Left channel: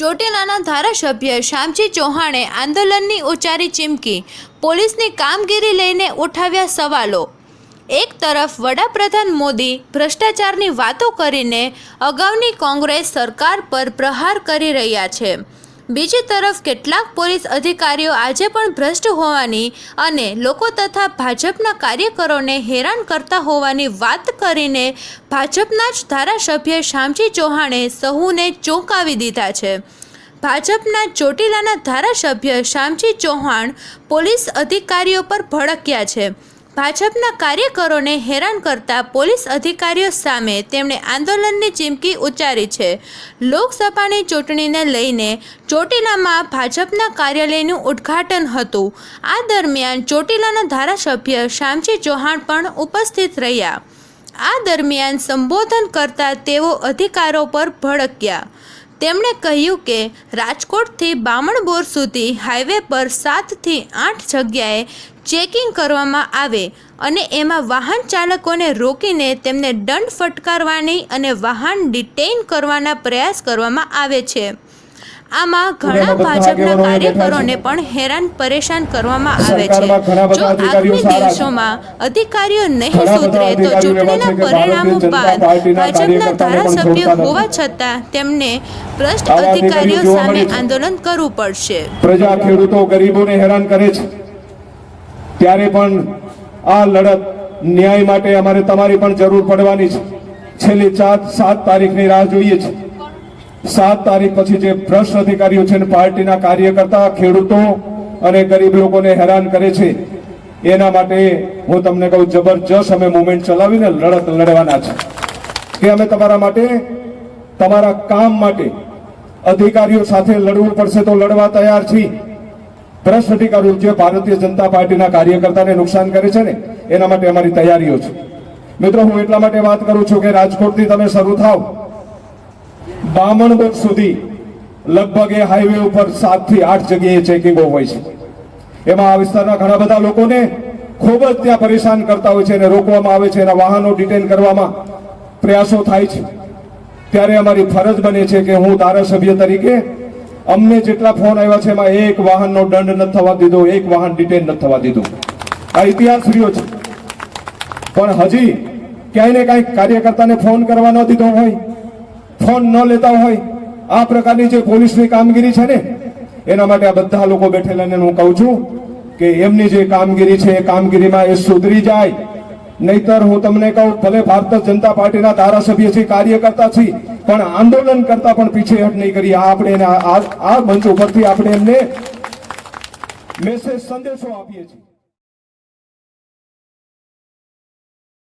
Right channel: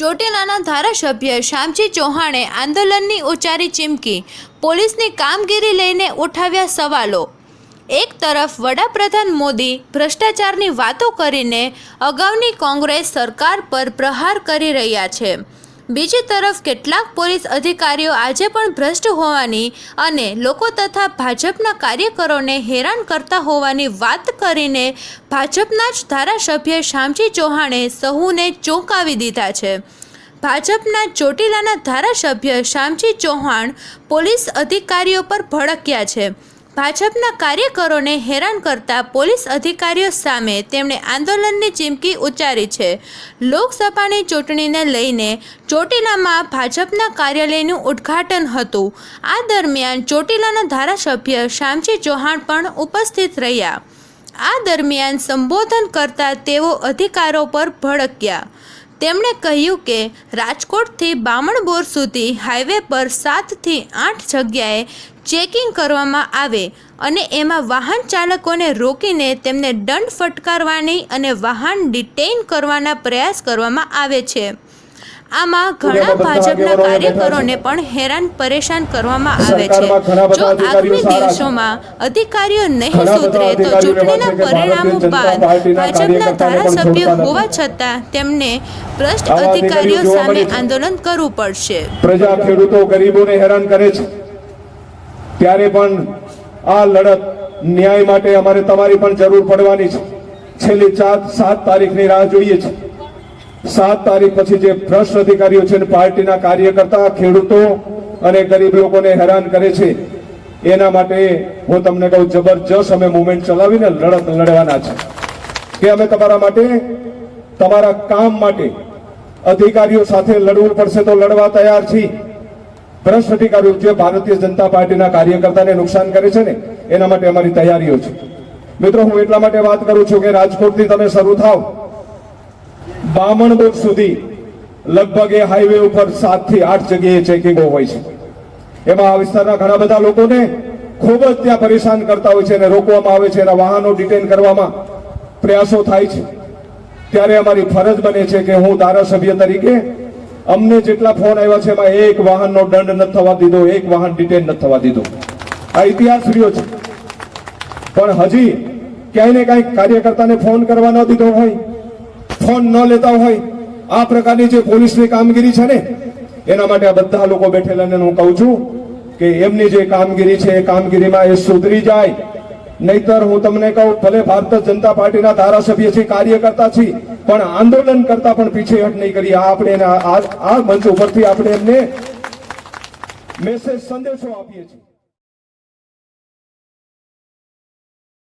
ચોટીલાના ધારાસભ્ય શામજી ચૌહાણે આંદોલનની ઉચ્ચારી ચીમકી, પોલીસની કામગીરી લઈને ઉઠાવ્યા સવાલો। એક તરફ વડાપ્રધાન મોદી ભ્રષ્ટાચારની વાતો કરીને અગાઉની કોંગ્રેસ સરકાર પર પ્રહાર કરી રહ્યા છે, બીજી તરફ કેટલાક પોલીસ અધિકારીઓ આજે પણ ભ્રષ્ટ હોવાની અને લોકો તથા ભાજપના કાર્યકરોને હેરાન કરતા હોવાની વાત કરીને ભાજપના જ ધારાસભ્ય શામજી ચૌહાણે સહુને ચોંકાવી દીધા છે। ભાજપના ચોટીલાના ધારાસભ્ય શામજી ચૌહાણ પોલીસ અધિકારીઓ પર ભડક્યા છે। ભાજપના કાર્યકરોને હેરાન કરતા પોલીસ અધિકારીઓ સામે તેમણે આંદોલનની ચીમકી ઉચ્ચારી છે। લોકસભાની ચૂંટણીને લઈને ચોટીલામાં ભાજપના કાર્યાલયનું ઉદ્ઘાટન હતું। આ દરમિયાન ચોટીલાના ધારાસભ્ય શામજી ચૌહાણ પણ ઉપસ્થિત રહ્યા। આ દરમિયાન સંબોધન કરતા તેઓ અધિકારીઓ પર ભડક્યા। તેમણે કહ્યું કે રાજકોટથી બામણબોર સુધી હાઈવે પર 7 થી 8 જગ્યાએ ચેકિંગ કરવામાં આવે અને એમાં વાહન ચાલકોને રોકીને તેમને દંડ ફટકારવાની અને વાહન ડિટેઇન કરવાના પ્રયાસ કરવામાં આવે છે। આમાં ઘણા ભાજપના કાર્યકરોને પણ હેરાન પરેશાન કરવામાં આવે છે। જો આગામી દિવસોમાં અધિકારીઓ નહીં સુધરે તો ચૂંટણીના પરિણામો બાદ ભાજપના ધારાસભ્ય હોવા છતાં તેમને ભ્રષ્ટ અધિકારીઓ સામે આંદોલન કરવું પડશે। પ્રજા ખેડૂતો ગરીબોને હેરાન કરે છે ત્યારે પણ આ લડત ન્યાય માટે અમારે તમારી પણ જરૂર પડવાની છે। છેલ્લી 7 તારીખની રાહ જોઈએ છે। 7 તારીખ પછી જે ભ્રષ્ટ અધિકારીઓ છે પાર્ટીના કાર્યકર્તા ખેડૂતો અને ગરીબ લોકોને હેરાન કરે છે એના માટે હું તમને કહું જબરજસ્ત અમે મુવમેન્ટ ચલાવીને લડત લડવાના છે કે અમે તમારા માટે તમારા કામ માટે અધિકારીઓ સાથે લડવું પડશે તો લડવા તૈયાર છીએ। ભ્રષ્ટ અધિકારીઓ જે ભારતીય જનતા પાર્ટીના કાર્યકર્તાને નુકસાન કરે છે ને એના માટે અમારી તૈયારીઓ છે। મિત્રો હું એટલા માટે વાત કરું છું કે રાજકોટથી તમે શરૂ થાવ બામણબોર સુધી લગભગ એ હાઈવે ઉપર 7 થી 8 જગ્યાએ ચેકિંગો હોય છે। એમાં આ વિસ્તારના ઘણા બધા લોકોને ખૂબ જ ત્યાં પરેશાન કરતા હોય છે અને રોકવામાં આવે છે, એના વાહનો ડિટેન કરવામાં પ્રયાસો થાય છે। ત્યારે અમારી ફરજ બને છે કે હું ધારાસભ્ય તરીકે અમને જેટલા ફોન આવ્યા છે એમાં એક વાહનનો દંડ નથી થવા દીધો, એક વાહન ડિટેન નથી થવા દીધું। આ ઇતિહાસ રહ્યો છે। પણ હજી ક્યાંય ને કાંઈ કાર્યકર્તાને ફોન કરવા ન દીધો હોય, ફોન ન લેતા હોય, આ પ્રકારની જે પોલીસની કામગીરી છે ને એના માટે આ બધા લોકો બેઠેલા હું કહું છું કે એમની જે કામગીરી છે એ કામગીરીમાં એ સુધરી જાય। નહીતર હું તમને કહું ભલે ભારતીય જનતા પાર્ટીના ધારાસભ્ય છે, કાર્યકર્તા છે, પણ આંદોલન કરતા પણ પીછેહટ નહીં કરી। આપણે આ મંચ ઉપરથી આપણે એમને મેસેજ સંદેશો આપીએ છીએ।